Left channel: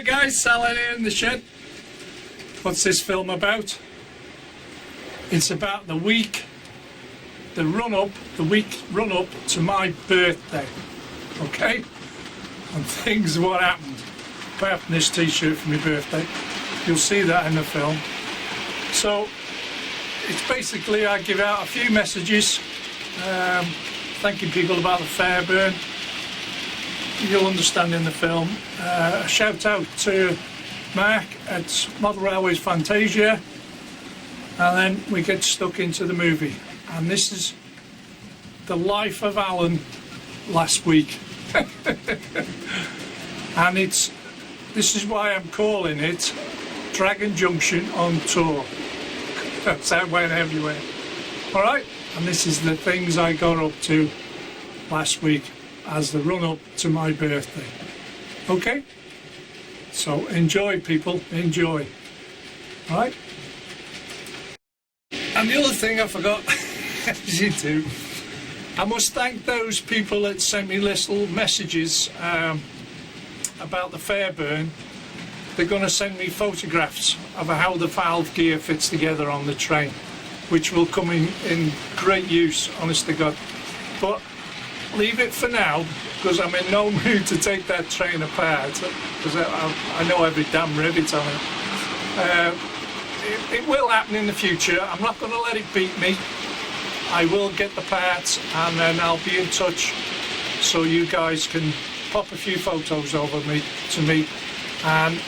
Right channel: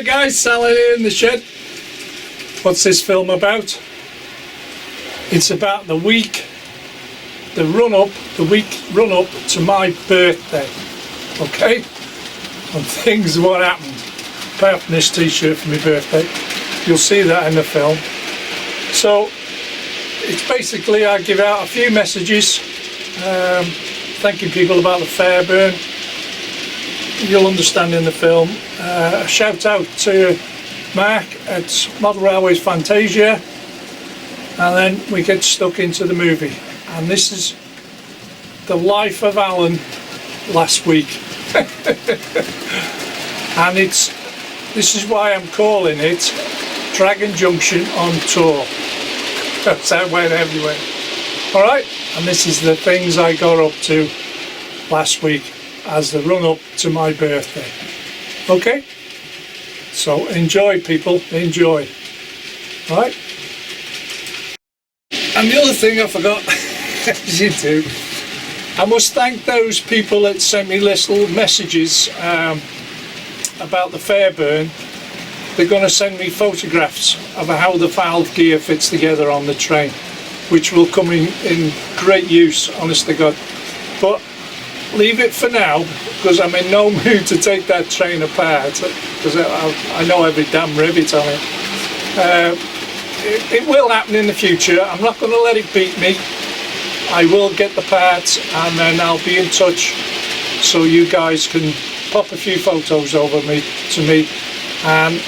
Alright guys, Sally here in the shed. What's this film about? It's about the week run-up to my birthday. Okay? And things what happened. Apart from this t-shirt for my birthday. You'll see that in the film. So, it's basically I give out a few messages thanking people about the Fairburn. You'll understand in the film. A shout out to Mark at Model Railways Fantasia, and then we get stuck into the movie. And this is the life of Alan last week. And this is why I'm calling it Dragon Junction on Tour. That's how it went everywhere. Alright, and this is the things I got up to last week as the run up to my birthday. Okay? So enjoy, people, enjoy. Right? And the other thing I forgot, as you do, I must thank those people that sent me little messages about the Fairburn. They're going to send me photographs of how the valve gear fits together on the train, which will come in great use, honest to God. But leave it for now, because I'm in no mood to take that train apart, because I know every damn rivet on it. It will happen in the future. I'm not going to let it beat me. I will get the parts, and then I'll be in touch so you guys can pop a few photos over to me, and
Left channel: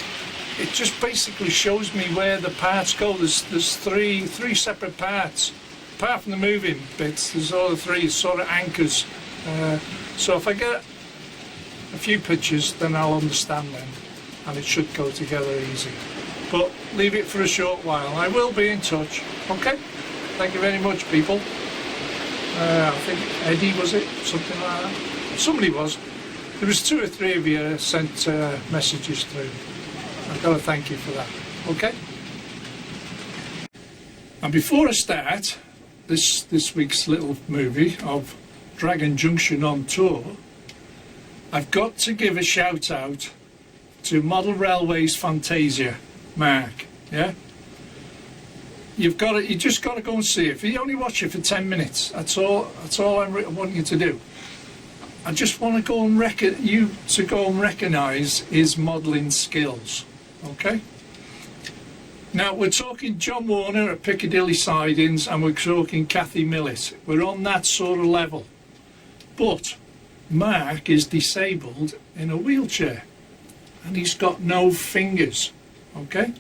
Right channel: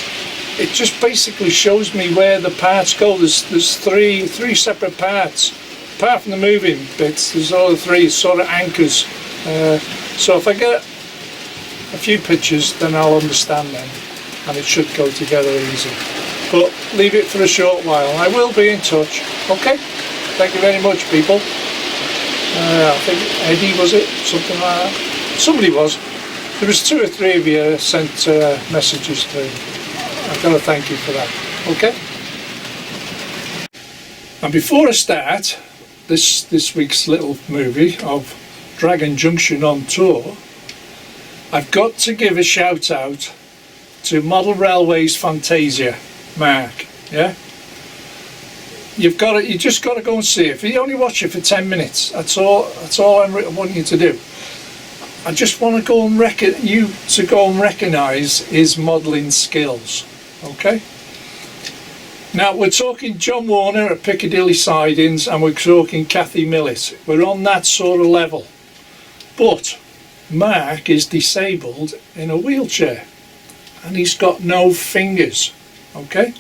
it just basically shows me where the parts go. There's three separate parts. Apart from the moving bits, there's all the three sort of anchors. So if I get a few pictures, then I'll understand them, and it should go together easy. But leave it for a short while. I will be in touch. Okay? Thank you very much, people. I think Eddie, was it? Something like that. Somebody was. There was 2 or 3 of you sent messages through. I've got to thank you for that. Okay? And before I start this week's little movie of Dragon Junction on Tour, I've got to give a shout out to Model Railways Fantasia, Mark. Yeah, you just got to go and see it. If you only watch it for 10 minutes, that's all I want you to do. I just want to go and recognise his modelling skills. Okay. Now we're talking John Warner at Piccadilly Sidings, and we're talking Kathy Millett. We're on that sort of level. But Mark is disabled in a wheelchair, and he's got no fingers. Okay?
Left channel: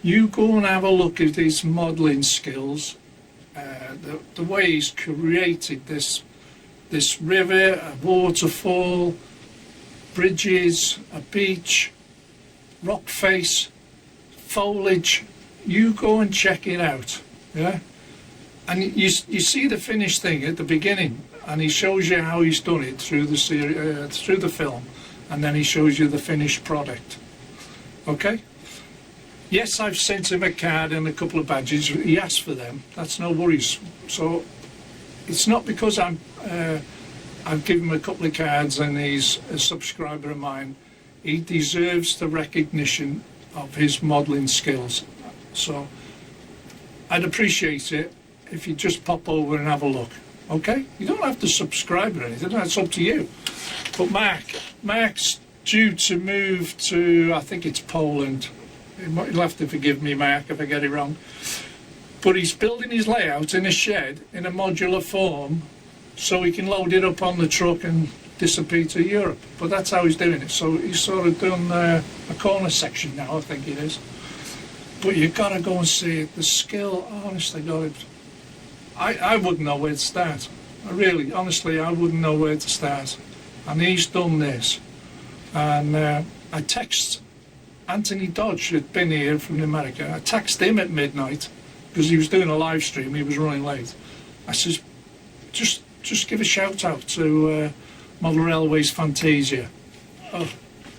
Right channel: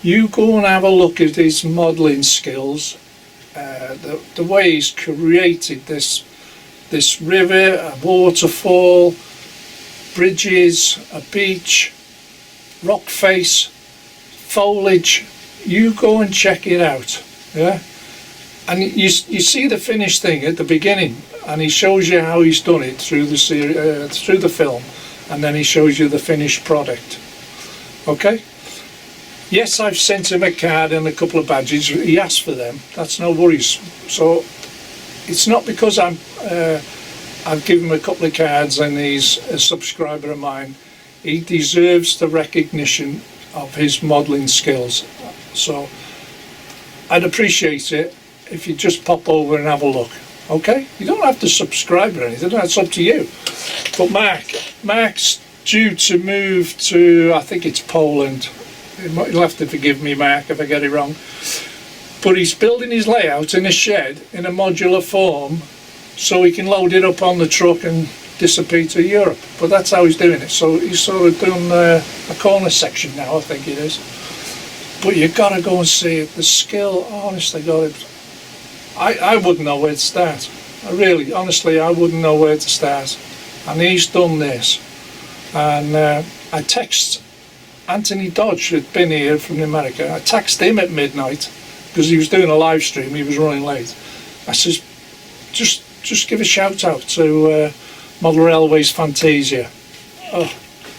You go and have a look at his modelling skills, the way he's created this river, a waterfall, bridges, a beach, rock face, foliage. You go and check it out. Yeah? And you see the finished thing at the beginning, and he shows you how he's done it through the film, and then he shows you the finished product. Okay? Yes, I've sent him a card and a couple of badges. He asked for them. That's no worries. So it's not because I've given him a couple of cards and he's a subscriber of mine. He deserves the recognition of his modelling skills. So I'd appreciate it if you just pop over and have a look. Okay? You don't have to subscribe or anything, that's up to you. But Mark's due to move to, I think it's Poland. You'll have to forgive me, Mark, if I get it wrong. But he's building his layout in a shed in a modular form so he can load it up on the truck and disappear to Europe. But that's how he's doing it. So he's sort of done a corner section now, I think it is. But you've got to go and see it. The skill, honestly, God, I wouldn't know where to start. Honestly, I wouldn't know where to start. And he's done this. And I text Anthony Dodge, who'd been here from America. I texted him at midnight because he was doing a live stream. He was running late. I says, just give a shout out to Model Railways Fantasia. Oh.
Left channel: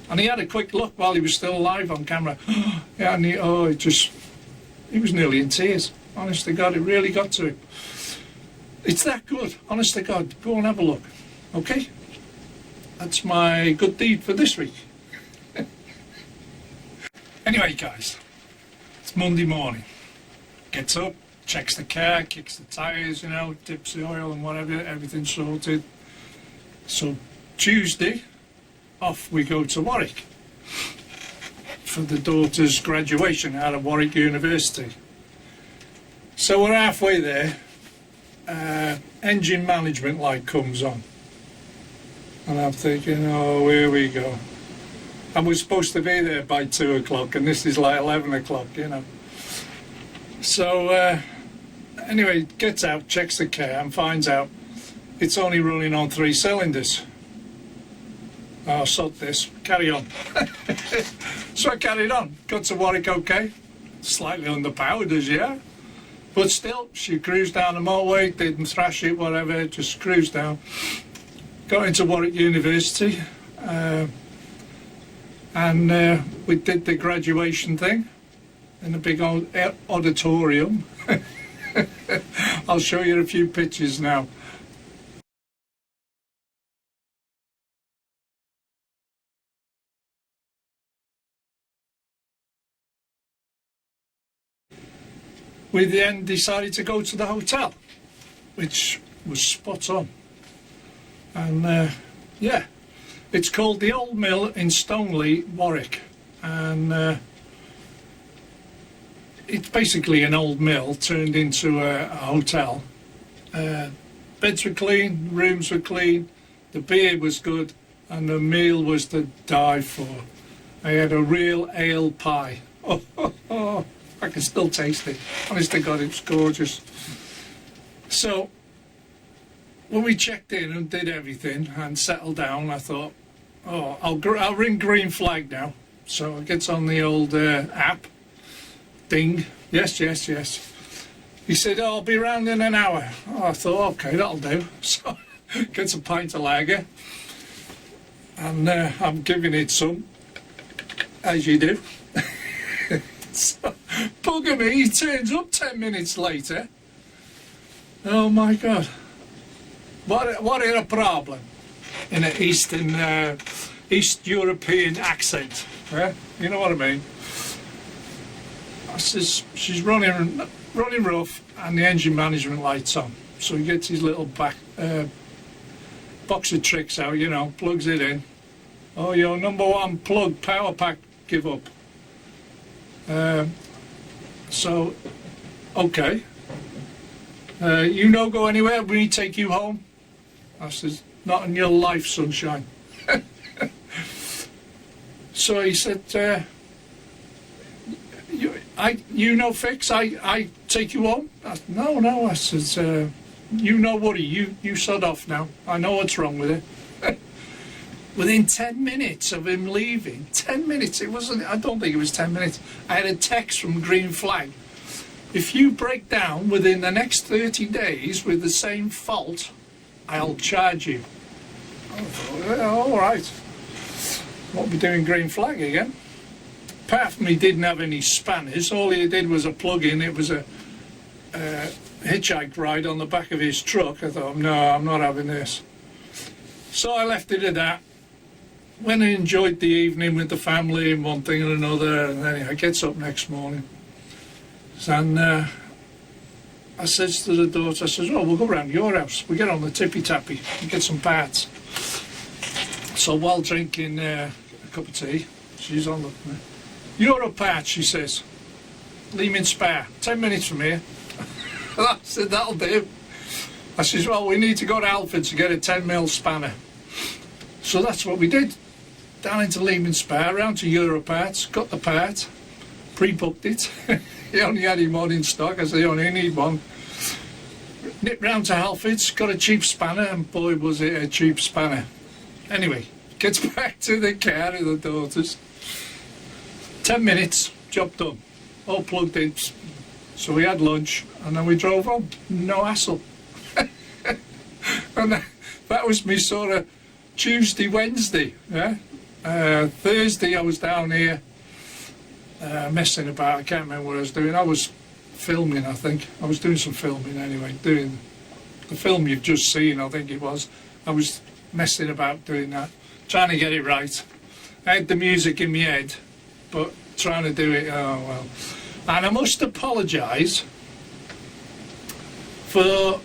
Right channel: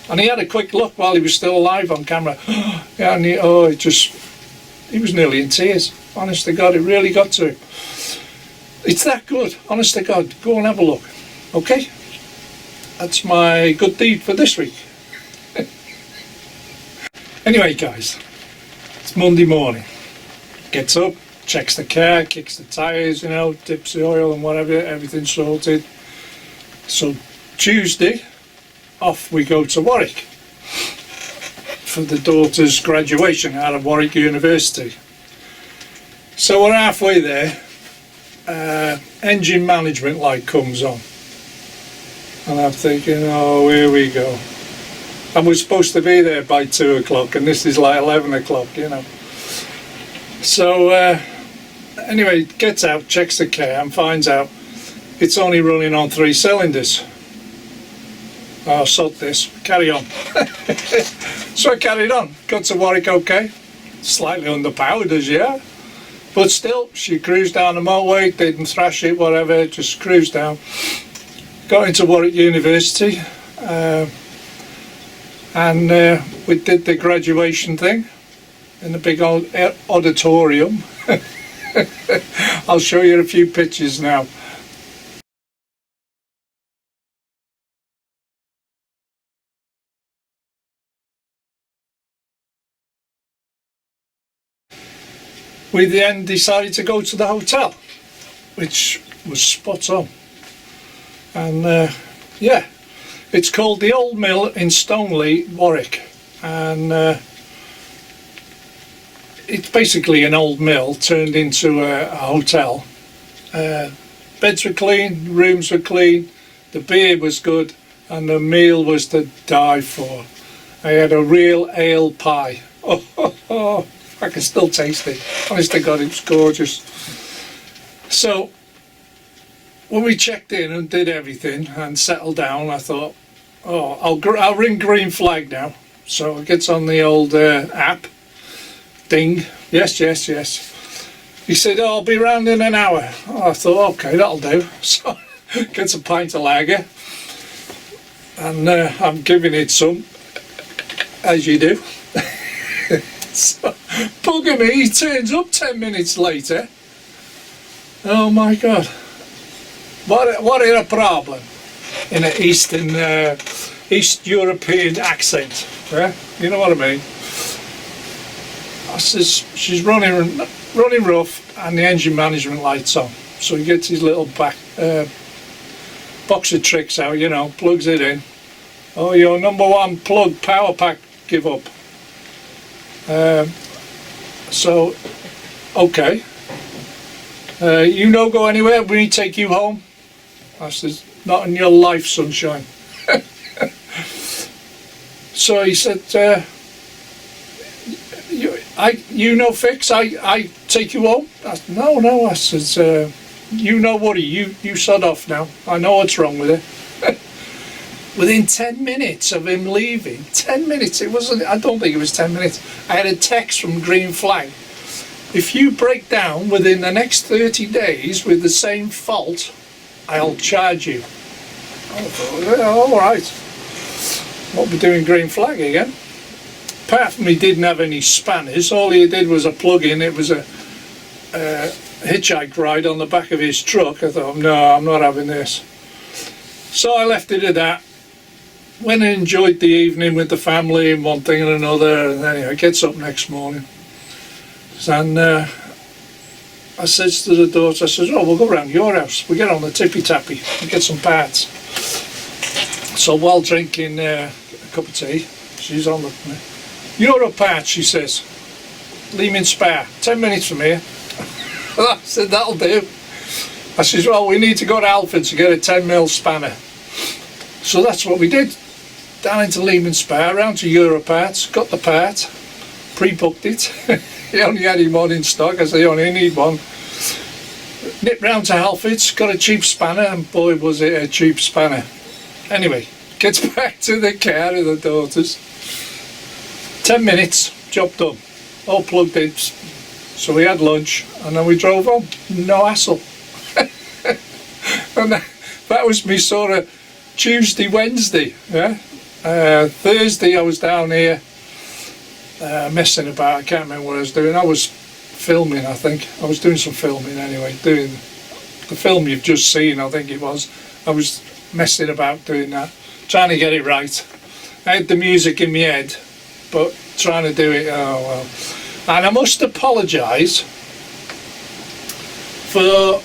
And he had a quick look while he was still alive on camera. Yeah, and he was nearly in tears. Honest to God, it really got to him. It's that good, honest to God. Go and have a look. Okay? That's my good deed for this week. Anyway guys, it's Monday morning. Gets up, checks the car, kicks the tyres, you know, dips the oil and whatever, everything's sorted. So Tuesday, off we go to Warwick for the daughter's graduation out of Warwick University. So we're halfway there, engine management light comes on. And I'm thinking, oh, here we go. And we're supposed to be there by 2 o'clock, and this is like 11 o'clock, you know. So anyway, gets out, checks the car and finds out it's only running on 3 cylinders. Oh, sod this, carry on. So I carried on, got to Warwick okay, slightly underpowered as yeah, but still, she cruised down the motorway, didn't thrash it, whatever, just cruised down. Got into Warwick University, and we did the graduation thing in the big old auditorium. I'll show you a few pictures now. We then decided to go to the hotel, which was spot on. And yeah, it's called the Old Mill in Stoneleigh, Warwick, and it's basically an old mill turned into a hotel. Beds were clean, rooms were clean, the beer was good, and the meal was to die for. I had a real ale pie. Oh, I can still taste it. Honest to God, it's gorgeous. So when we checked in and did everything and settled down, I thought, oh, I'll ring green flag now. So it gets on the old app. Ding. Yes. He said, oh, I'll be round in an hour. Oh, I thought, okay, that'll do. So gets a pint of lager. And I'm giving it some, as you do. So, bugger me, he turns up 10 minutes later. Oh my God. What is a problem? In an East European accent. Yeah? You know what I mean? I says, she's running rough and the engine management light's on. So he gets his little box of tricks out, you know, plugs it in. Oh, your #1 plug power pack give up. So, okay. You no go anywhere, we need to take you home. I says, not in your life, sunshine. So he said, you no fix, I take you home? I said, no, I says, you no worry, you sod off now. I know what's wrong with it. Within 10 minutes of him leaving, 10 minutes, it wasn't, I don't think it was 10 minutes, I had a text from Green Flag. If you break down within the next 30 days with the same fault, I'll charge you. I thought, yeah, all right. What we doing Green Flag again? Apart from he didn't have any spanners, all he did was a plug-in. It was a hitchhike ride on the back of his truck. I thought, no, I'm not having this. So I left it at that. Went and enjoyed the evening with the family and one thing and another, and then he gets up next morning. And I says to the daughter, I says, oh, we'll go round your house. We get on the tippy tappy and get some parts. So while drinking a cup of tea, she's on the Euro parts, she says. Lehman Spar, 10 minutes from here. I said, that'll do. I says, well, we need to go to Alfred to get a 10mm spanner. So that's what we did. Down into Lehman Spar, round to Euro parts, got the part, pre-booked it. He only had him one in stock, I said, you only need one. Nipped round to Halfords, got a cheap spanner, and boy was it a cheap spanner. Anyway, gets back to the car of the daughters. 10 minutes, job done. All plugged in. So we had lunch, and then we drove home. No hassle. And that was me sort of Tuesday, Wednesday. Yeah? Thursday I was down here messing about. I can't remember what I was doing. I was filming, I think. I was doing some filming anyway, doing the film you've just seen, I think it was. I was messing about doing that, trying to get it right. I had the music in my head, but trying to do it. Oh well. And I must apologise for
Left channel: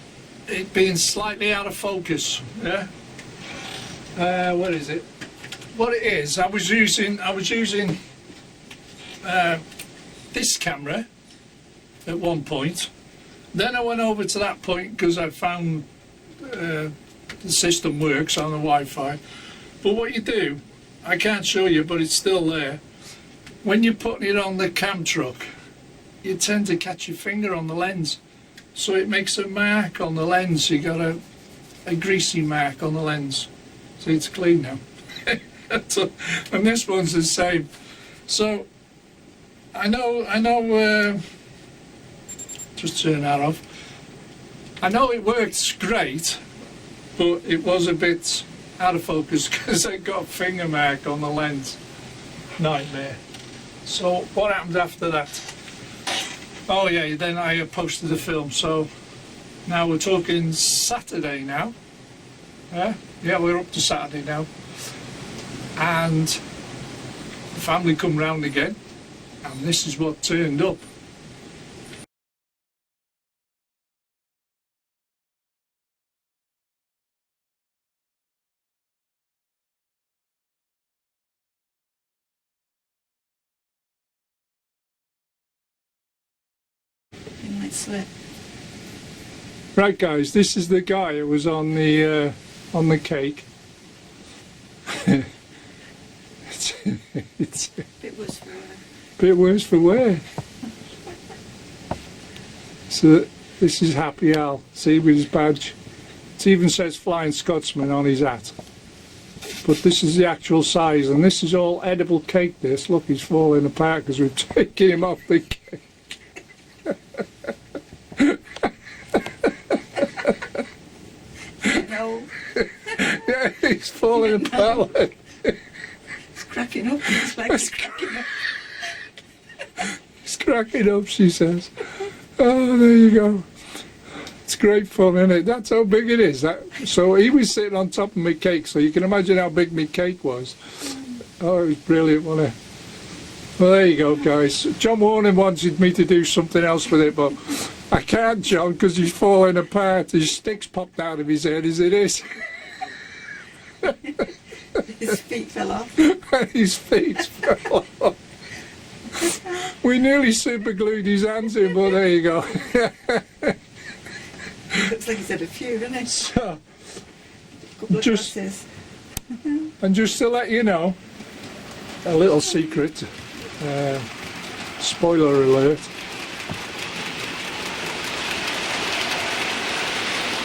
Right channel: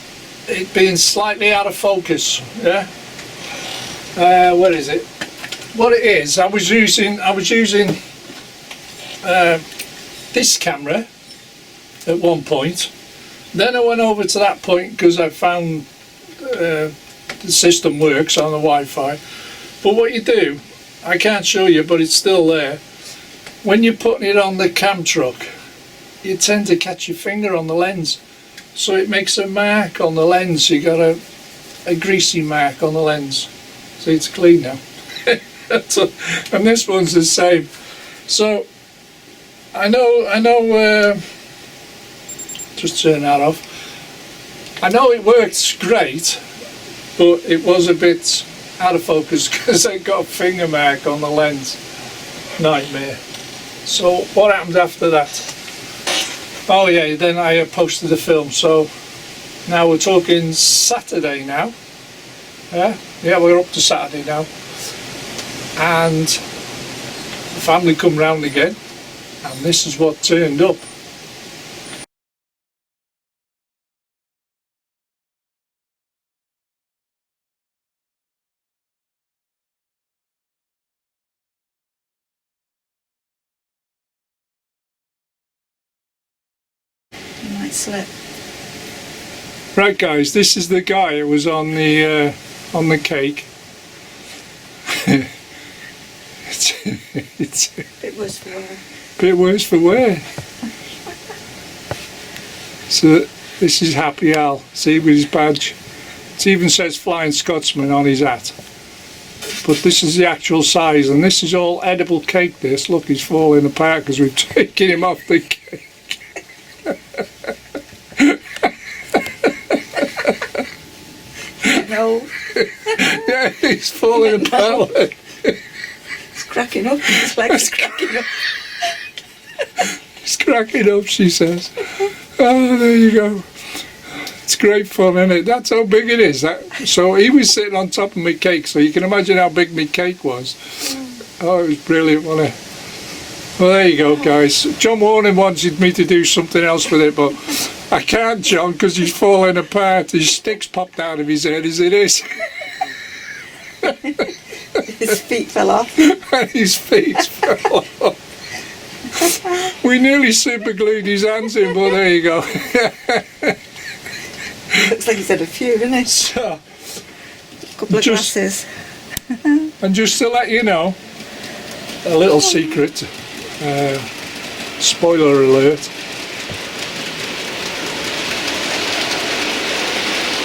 it being slightly out of focus. Yeah. What is it? What it is? I was using this camera at one point. Then I went over to that point because I found the system works on the Wi-Fi. But what you do, I can't show you, but it's still there. When you're putting it on the cam truck, you tend to catch your finger on the lens, so it makes a mark on the lens. You got a greasy mark on the lens. See, it's clean now. And this one's the same. So I know. Just turn that off. I know it works great, but it was a bit out of focus because I got a finger mark on the lens. Nightmare. So what happened after that? Oh yeah, then I posted the film. So now we're talking Saturday now. Yeah, we're up to Saturday now. And the family come round again, and this is what turned up. You might slip. Right guys, this is the guy who was on the cake. it's Bit worse for wear. bit worse for wear. So this is Happy Al, see, with his badge. It even says Flying Scotsman on his hat. But this is the actual size, and this is all edible cake. This, look, he's falling apart because we've taken him off the cake. No. Yeah, he's falling apart. It's cracking up. His leg's cracking up. He's cracking up, she says. Oh, there you go. It's great fun, isn't it? That's how big it is. So he was sitting on top of my cake, so you can imagine how big my cake was. Oh, it was brilliant, wasn't it? Well, there you go, guys. John Warren wanted me to do something else with it, but I can't, John, because he's falling apart. His sticks popped out of his head as it is. His feet fell off. And his feet fell off. We nearly super glued his hands in, but there you go. Looks like he's had a few, doesn't it? So, Couple of glasses. and just to let you know, a little secret, spoiler alert.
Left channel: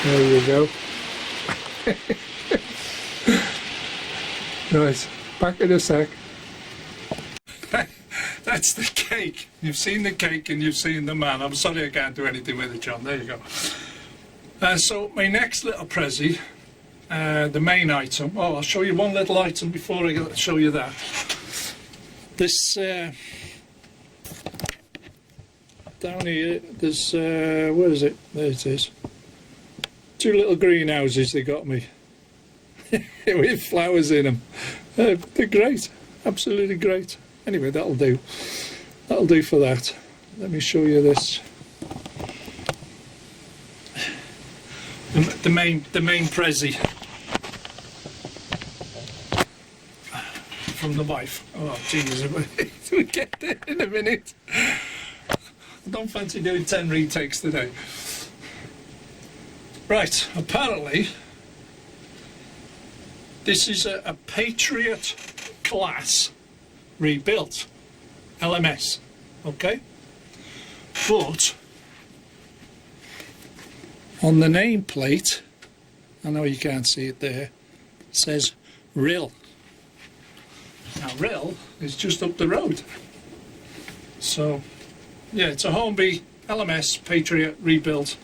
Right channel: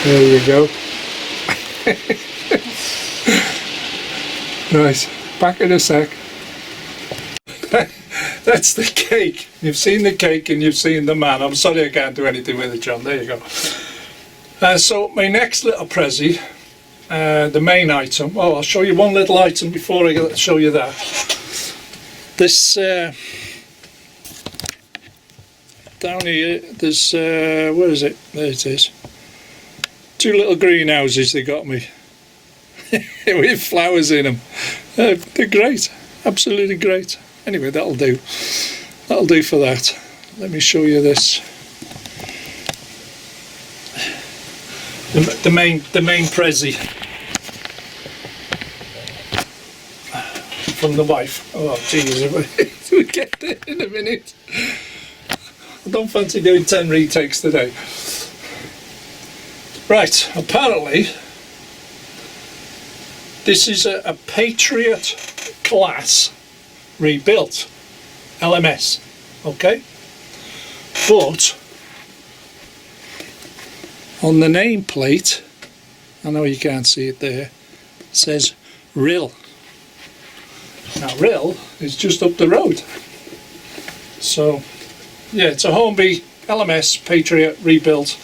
There we go. Right, back in a sec. That's the cake. You've seen the cake and you've seen the man. I'm sorry I can't do anything with it, John. There you go. So my next little prezi, the main item. Oh, I'll show you one little item before I show you that. This down here, there's where is it? There it is. Two little greenhouses they got me with flowers in them. They're great, absolutely great. Anyway, that'll do. That'll do for that. Let me show you this. The main prezi from the wife. Oh jeez, we'll get there in a minute. I don't fancy doing 10 retakes today. Right, apparently this is a Patriot class rebuilt LMS, okay? But on the nameplate, I know you can't see it there, it says RIL. Now RIL is just up the road. So yeah, it's a Hornby LMS Patriot rebuilt,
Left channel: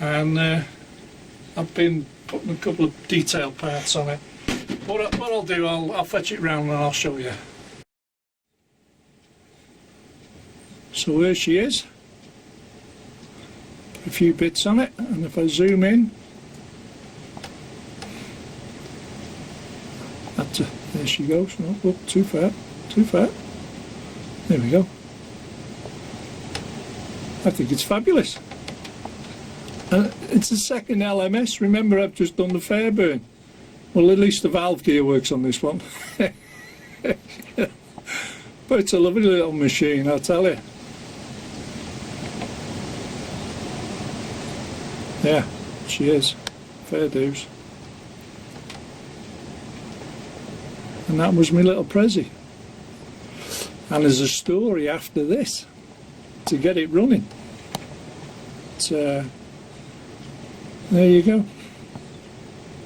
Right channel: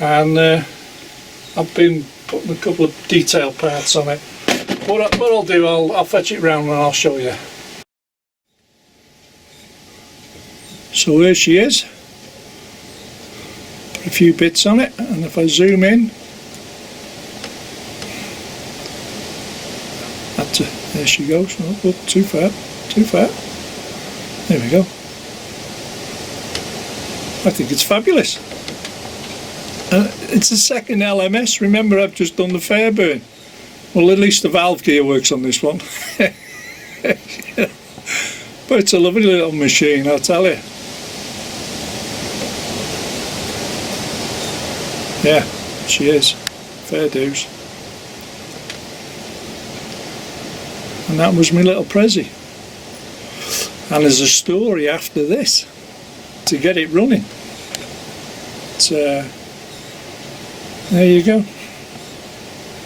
and I've been putting a couple of detail parts on it. What I'll do, I'll fetch it round and I'll show you. So there she is. Put a few bits on it, and if I zoom in, there she goes. No, oh, too far, too far. There we go. I think it's fabulous. It's the second LMS. Remember, I've just done the Fairburn. Well, at least the valve gear works on this one. But it's a lovely little machine, I'll tell you. Yeah, she is. Fair dues. And that was my little Prezi. And there's a story after this to get it running. It's, there you go.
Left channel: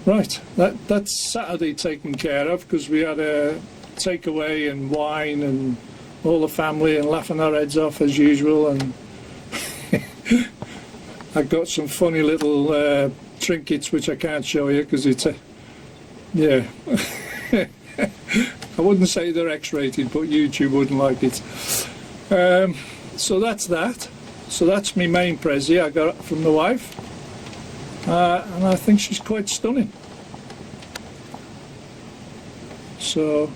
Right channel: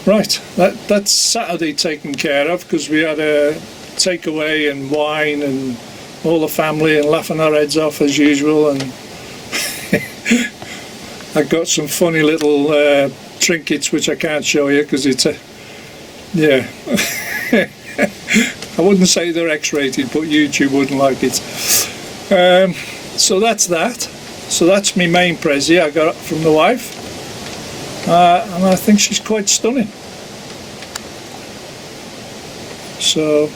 Right, that's Saturday taken care of, because we had a takeaway and wine and all the family and laughing our heads off as usual, and I got some funny little trinkets which I can't show you because it's a, yeah. I wouldn't say they're X-rated, but YouTube wouldn't like it. So that's that. So that's my main Prezi I got from the wife. And I think she's quite stunning. So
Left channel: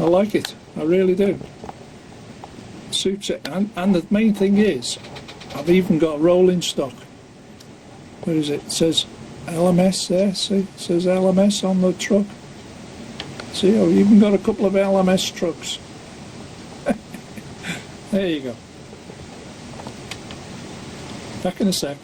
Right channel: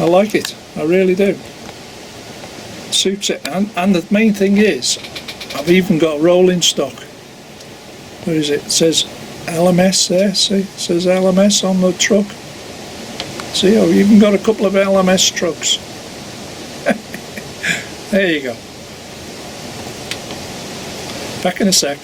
I like it, I really do. Suits it, and the main thing is, I've even got a rolling stock. Where is it? It says LMS there, see? It says LMS on the truck. See, I've even got a couple of LMS trucks. There you go. Back in a sec.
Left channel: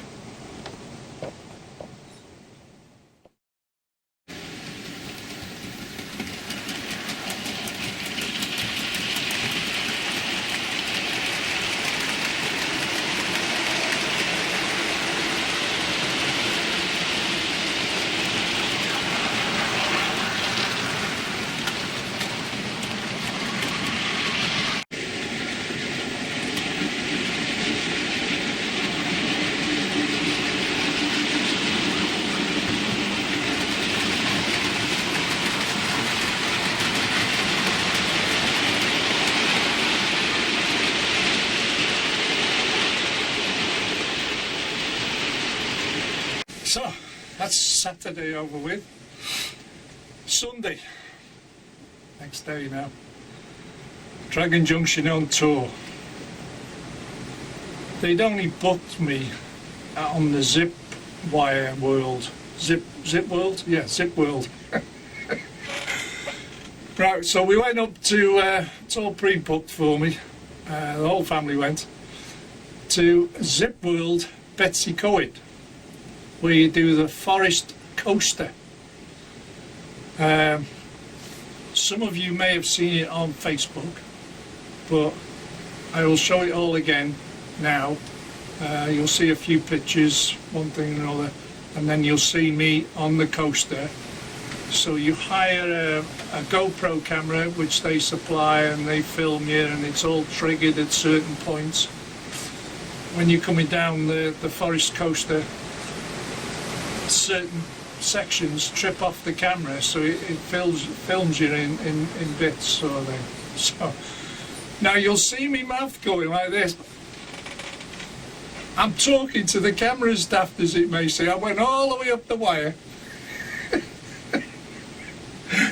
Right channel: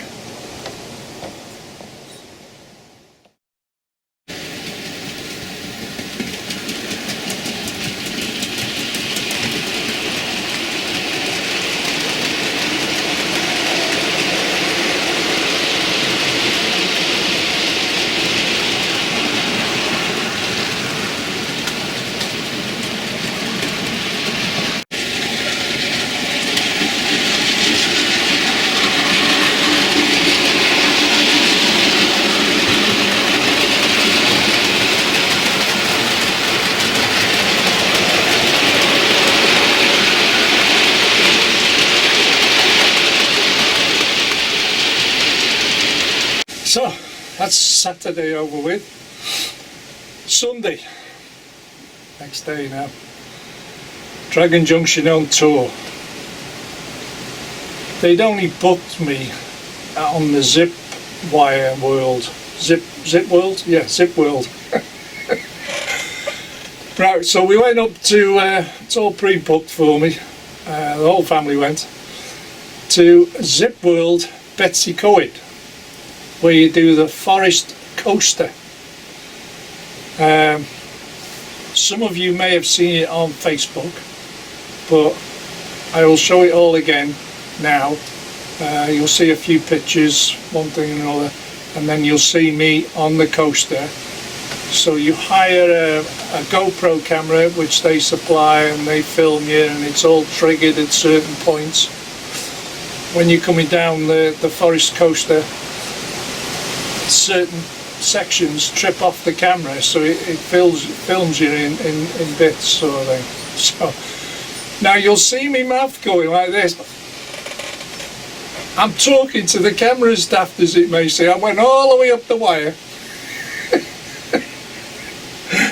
So, that's Saturday over with. Sunday, next day now. Dragon Junction on tour. They'd only booked me on the Zip Wire World. Zip World? Yeah, Zip World. Right, so we went up to, it's all pre-booked for me, the whole family went, to Zip World Betsy Coed, where you do the forest coaster. Some of you may have seen it on Facebook, but I will show it all again now. You'll see a few pictures, one thing and another, and then you'll see me on the coaster. So you hire a GoPro camera which they supply, and they film you, and it's all triggered at certain points. When you're coming down the forest coaster, certain sections trip off the camera, so it films you in bits, sort of thing. So now you'll see me mouth going like this. I'm talking to the camera, as daft as it may seem. I went all the way up the wire.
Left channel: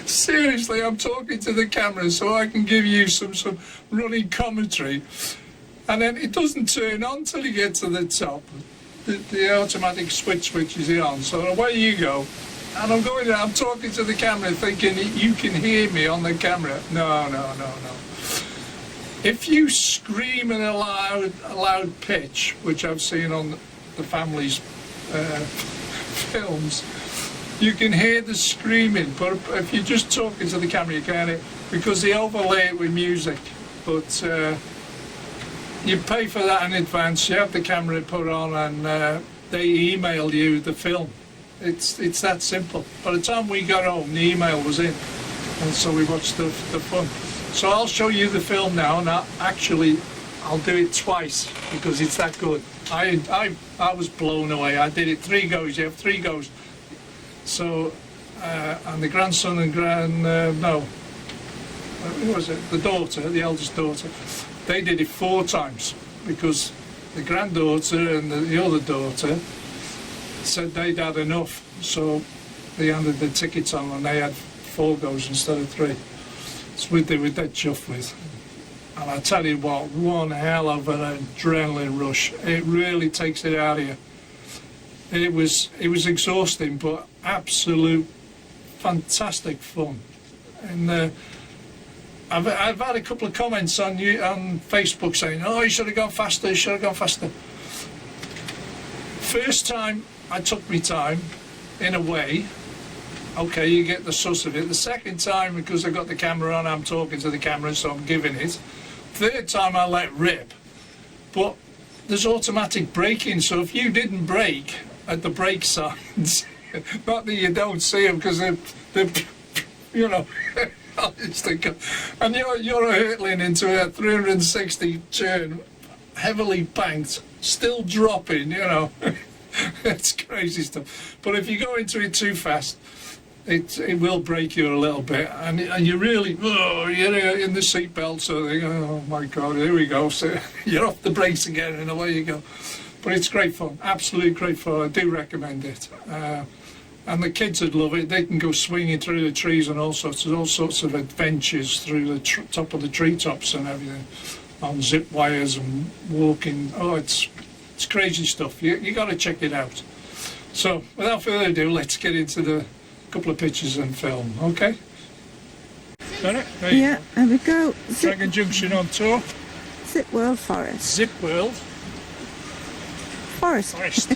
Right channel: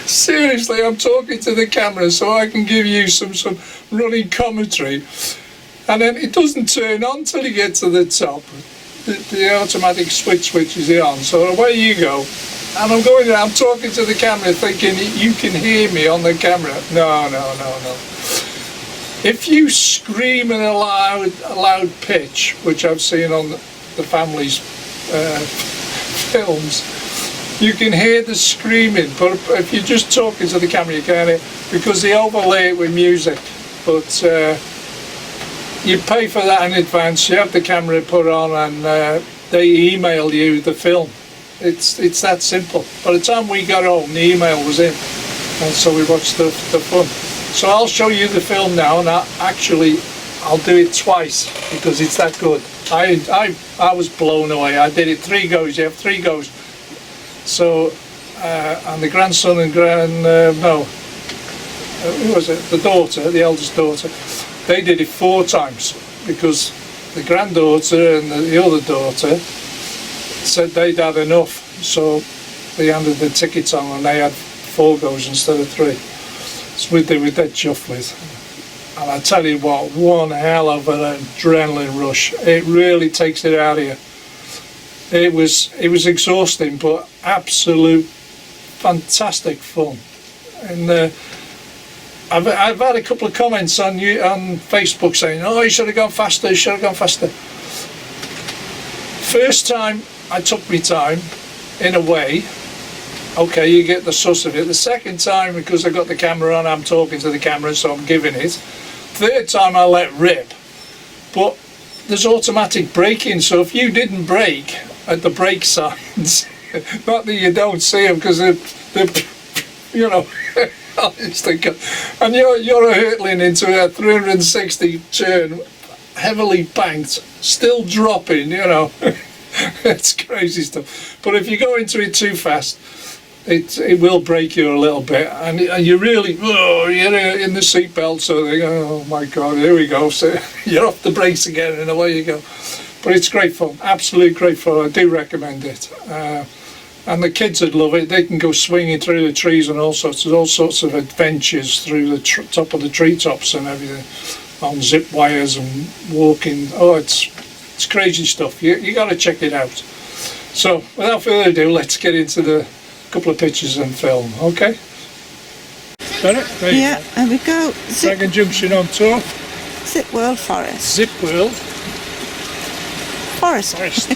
Seriously, I'm talking to the camera so I can give you some running commentary, and then it doesn't turn on till you get to the top. The automatic switches it on, so away you go. And I'm talking to the camera thinking you can hear me on the camera. No. If you scream in a loud pitch, which I've seen on the family's films, you can hear the screaming, but if you're just talking to the camera you can't hear, because they overlay it with music. But you pay for that in advance, you have the camera put on, and they email you the film. It's that simple. By the time we got home, the email was in, and so we watched the fun. So I'll show you the film now, and I'll do it twice because it's that good. I was blown away. I did it 3 goes. You have 3 goes. So and the grandson and who was it? The daughter, the eldest daughter. They did it 4 times because the granddaughter and the other daughter said they'd had enough, so they handed the tickets on and they had 4 goes instead of 3. So they were dead chuffed with. And I tell you what, one hell of an adrenaline rush. It really takes it out of you. It was exhausting, but absolute fantastic fun. And I've had a couple of comments on Facebook saying, "Oh, you should have gone faster. You should have gone faster." First time, I took my time, in a way. Okay, you get the sus of it. The second time, because I got the camera on, I'm talking to the camera, so I'm giving it. Third time, I let rip. But there's automatic braking, so if you didn't brake at the brake signs, not that you don't see them because they're you know, and you're hurtling into a 360 turn, heavily banked, still dropping, you know. It's crazy stuff. But if you go into it too fast, it will break you a little bit, and you really, you're in the seatbelt, so they go, oh my God, here we go. So you're off the brakes again, and away you go. But it's great fun, absolute great fun. I do recommend it. And the kids would love it. They can go swinging through the trees and all sorts of adventures through the top of the treetops and everything, on zip wires and walking. Oh, it's crazy stuff. You got to check it out. So without further ado, let's get into the couple of pictures and film. Okay. Got it? There you go. There we go. Dragon Junction on tour. Zip World Forest. Zip World Forest. Forest.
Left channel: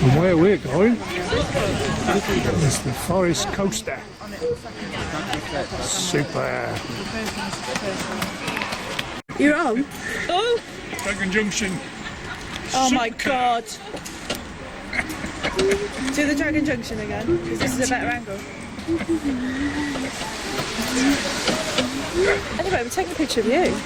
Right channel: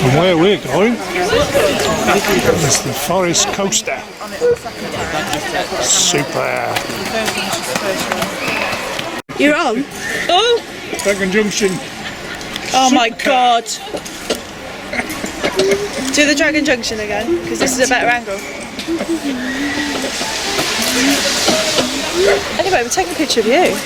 And where we're going is the Forest Coaster. Super. You're on? Oh! Dragon Junction. Oh my Super. God. Do the Dragon Junction again, because this is a better angle. Anyway, we're taking a picture of you.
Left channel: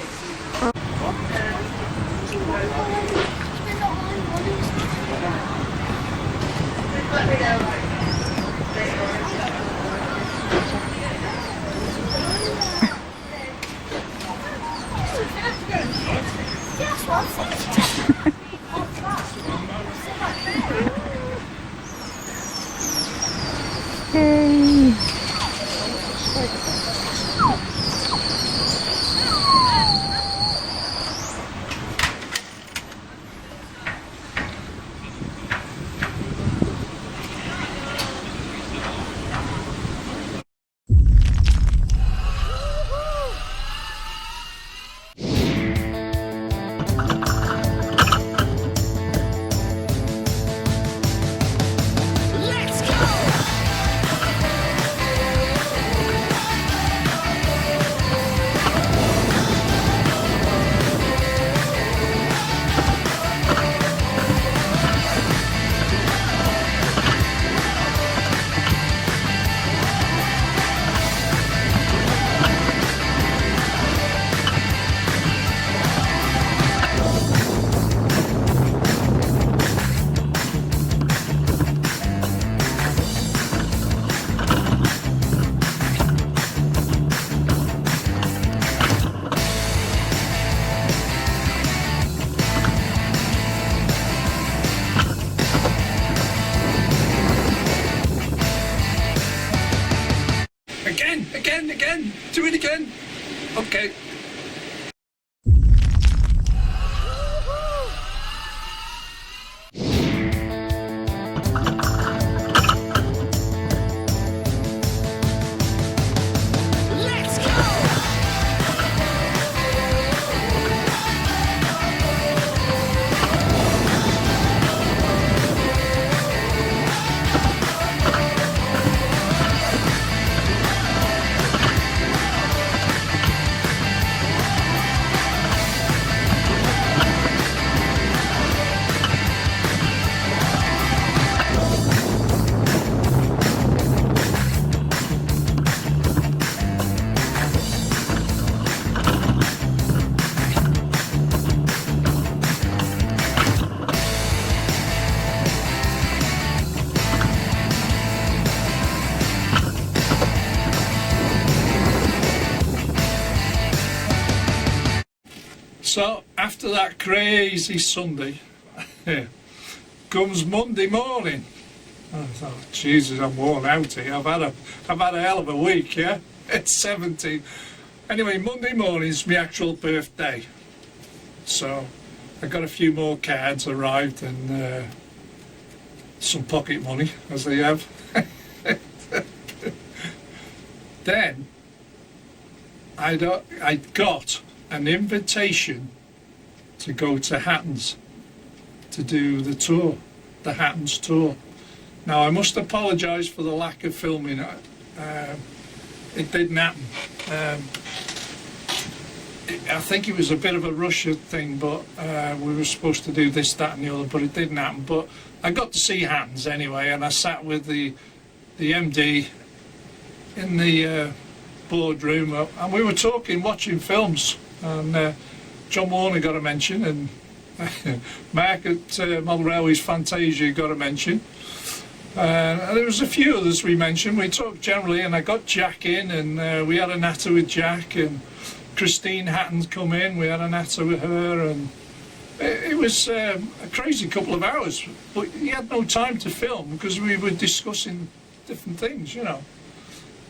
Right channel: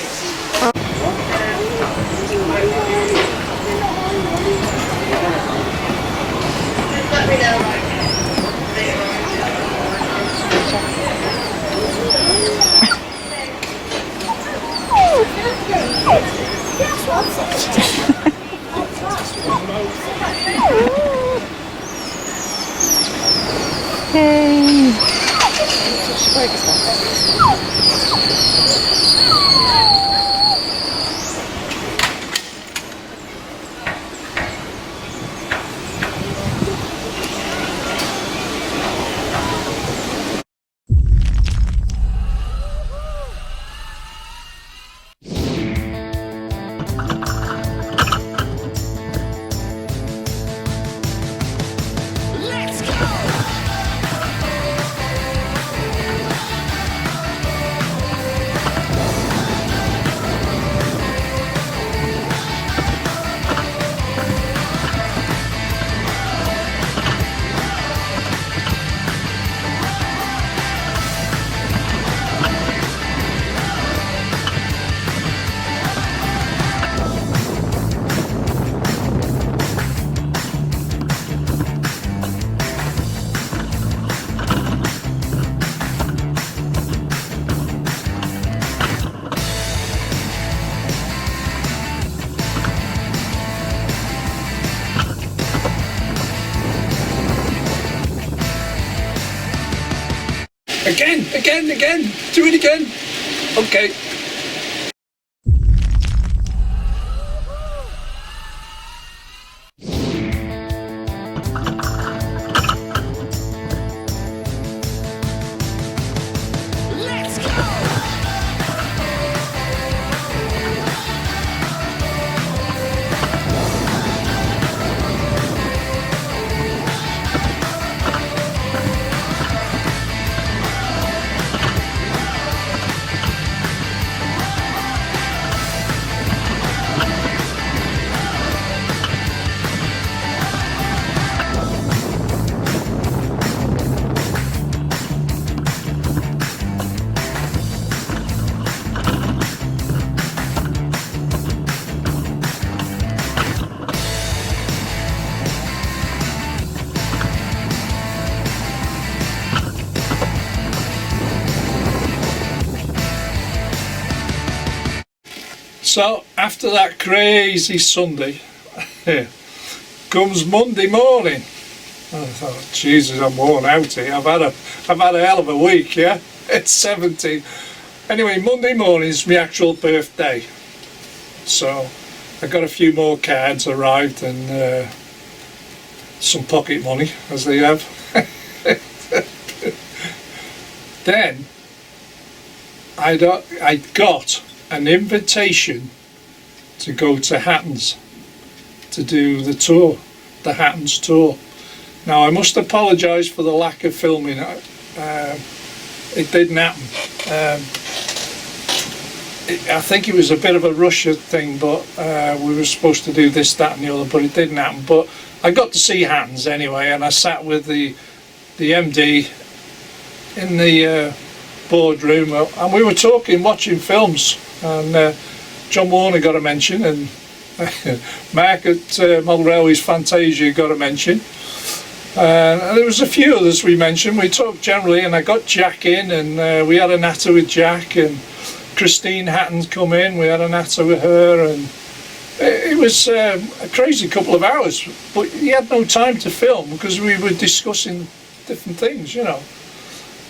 Again. Do it again. Okay. So after that crazy Sunday comes Monday morning. I thought, Jesus, I'm worn out here. I've had a hell of a week, yeah? It's 17. Anyway, Monday morning's my actual birthday. So I got a few more cards arrived and some pocket money, as they have. Then I got an invitation to go to Hatton's to do the tour, the Hatton's tour. Now I must apologise for the lack of filming. It didn't happen. I think it was a bit of a rush thing, but we were supposed to do this, that and the other, but it didn't happen. But I got to see Hatton's anyway, and I sat with the MD in the boardroom, and we were talking, watching films, and John Warner got a mention, and Mark at Model Railways Fantasia got a mention, and there was a few others we mentioned. We talked generally, and I got Jack in, and we had a natter with Jack, and Christine Hatton come in, we had a natter with her, and it was a crazy couple of hours, but he had no time to film because we were discussing different things, you know.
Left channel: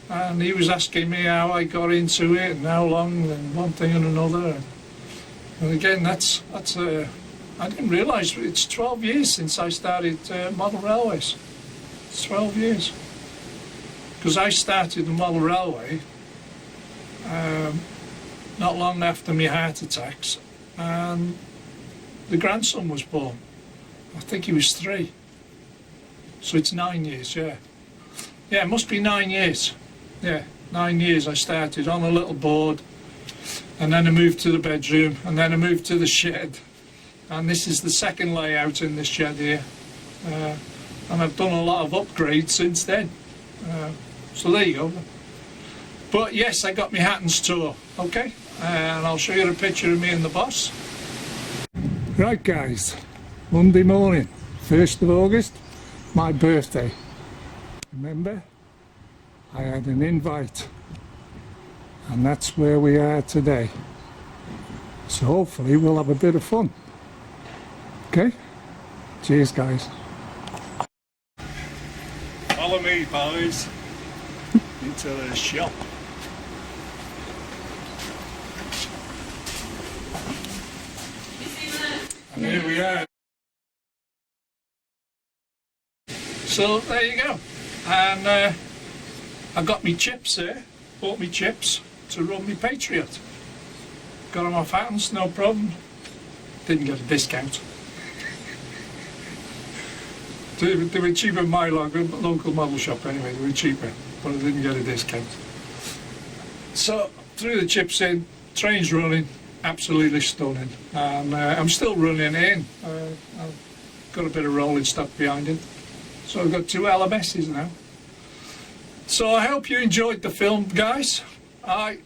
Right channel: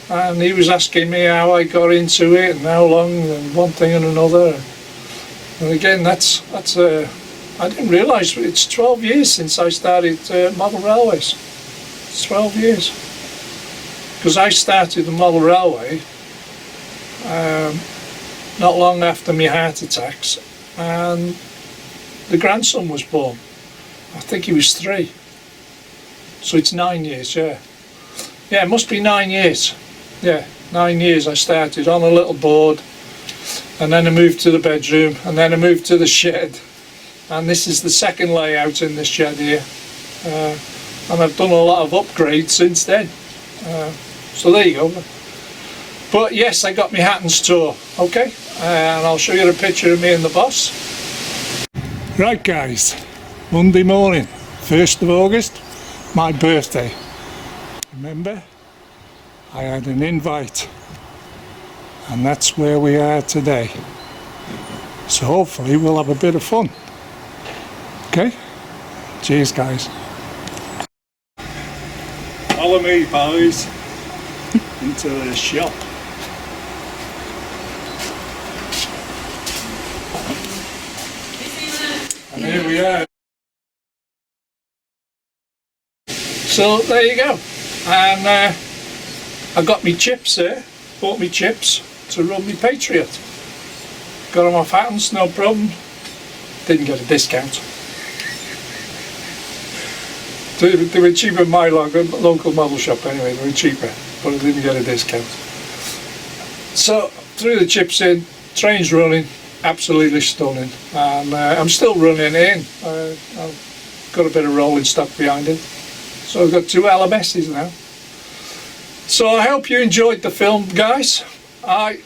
And he was asking me how I got into it and how long and one thing and another. And again, I didn't realise it's 12 years since I started Model Railways. It's 12 years. Because I started the Model Railway not long after my heart attacks, and the grandson was born. I think he was 3. So it's 9 years, yeah. Yeah, it must be 9 years. Yeah, 9 years I started on a little board, and then I moved to the bedroom, and then I moved to the shed, and this is the second layout in this shed here, and I've done a lot of upgrades since then, so there you go. But yes, I got my Hatton's tour, okay, and I'll show you a picture of me and the boss. Right guys, Monday morning, 1st of August, my birthday. Remember, I had an invite, and that's where we are today. So hopefully we'll have a bit of fun. Okay? Cheers guys. Follow me boys into the shop. And here we are. So there you go. And I got me chips there, bought me chips to run me Patriot. Got them off Hatton's, no problem. Didn't get a discount. They were cheaper in my local model shop anyway, they were cheaper, but I didn't get a discount. So threw the chips in, train's running, absolutely stunning. And I'm still running in. I've got a bit of rolling stock behind it. So I've got 2 LMSs now. So I hope you enjoyed the film, guys. I'm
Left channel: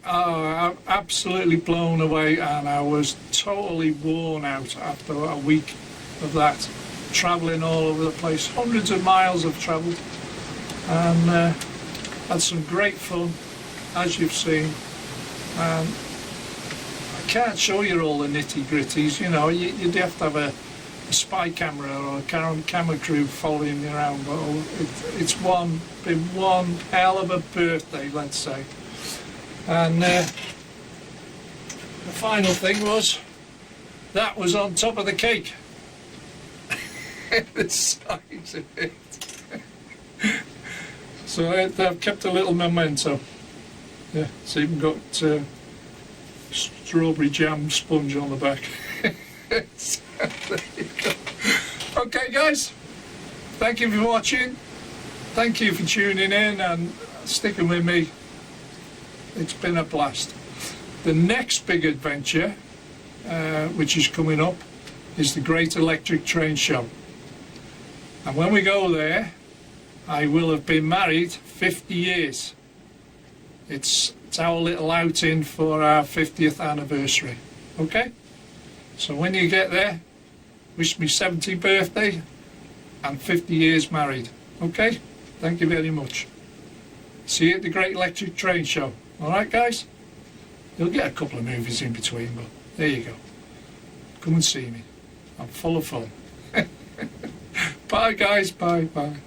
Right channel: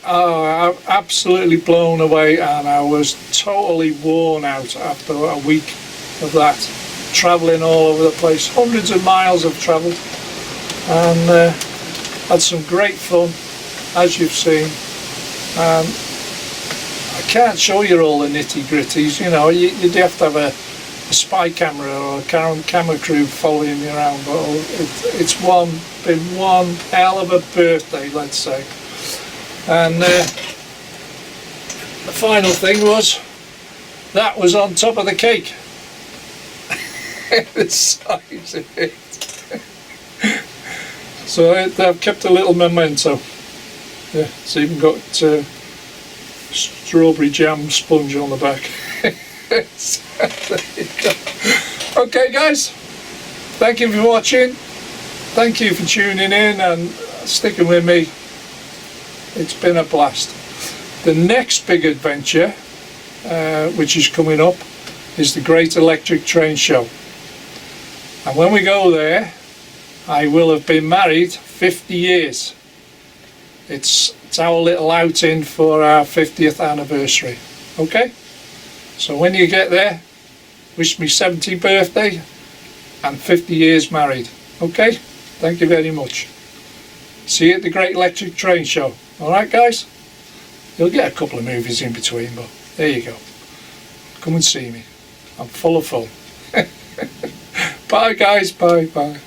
absolutely blown away, and I was totally worn out after a week of that, travelling all over the place. Hundreds of miles I've travelled, and had some great fun, as you've seen. And I can't show you all the nitty-gritties, you know, you'd have to have a spy camera or a camera crew following you around, but it's been one hell of a birthday, let's say. And the final thing was, that was on top of the cake. The size of it. So I've kept a little memento. Yeah, it's even got strawberry jam sponge on the back. So, there you go. Okay guys, thank you for watching, thank you for tuning in and sticking with me. It's been a blast. The next big adventure, which is coming up, is the Great Electric Train Show, and when we go there I will have been married 50 years. It's our little outing for our 50th anniversary. Okay, so when you get there, wish me 70th birthday and 50 years married. Okay, thank you very much. See you at the Great Electric Train Show. Alright guys, you'll get a couple of movies in between, but there you go. Come and see me, I'm full of fun. Bye guys, bye.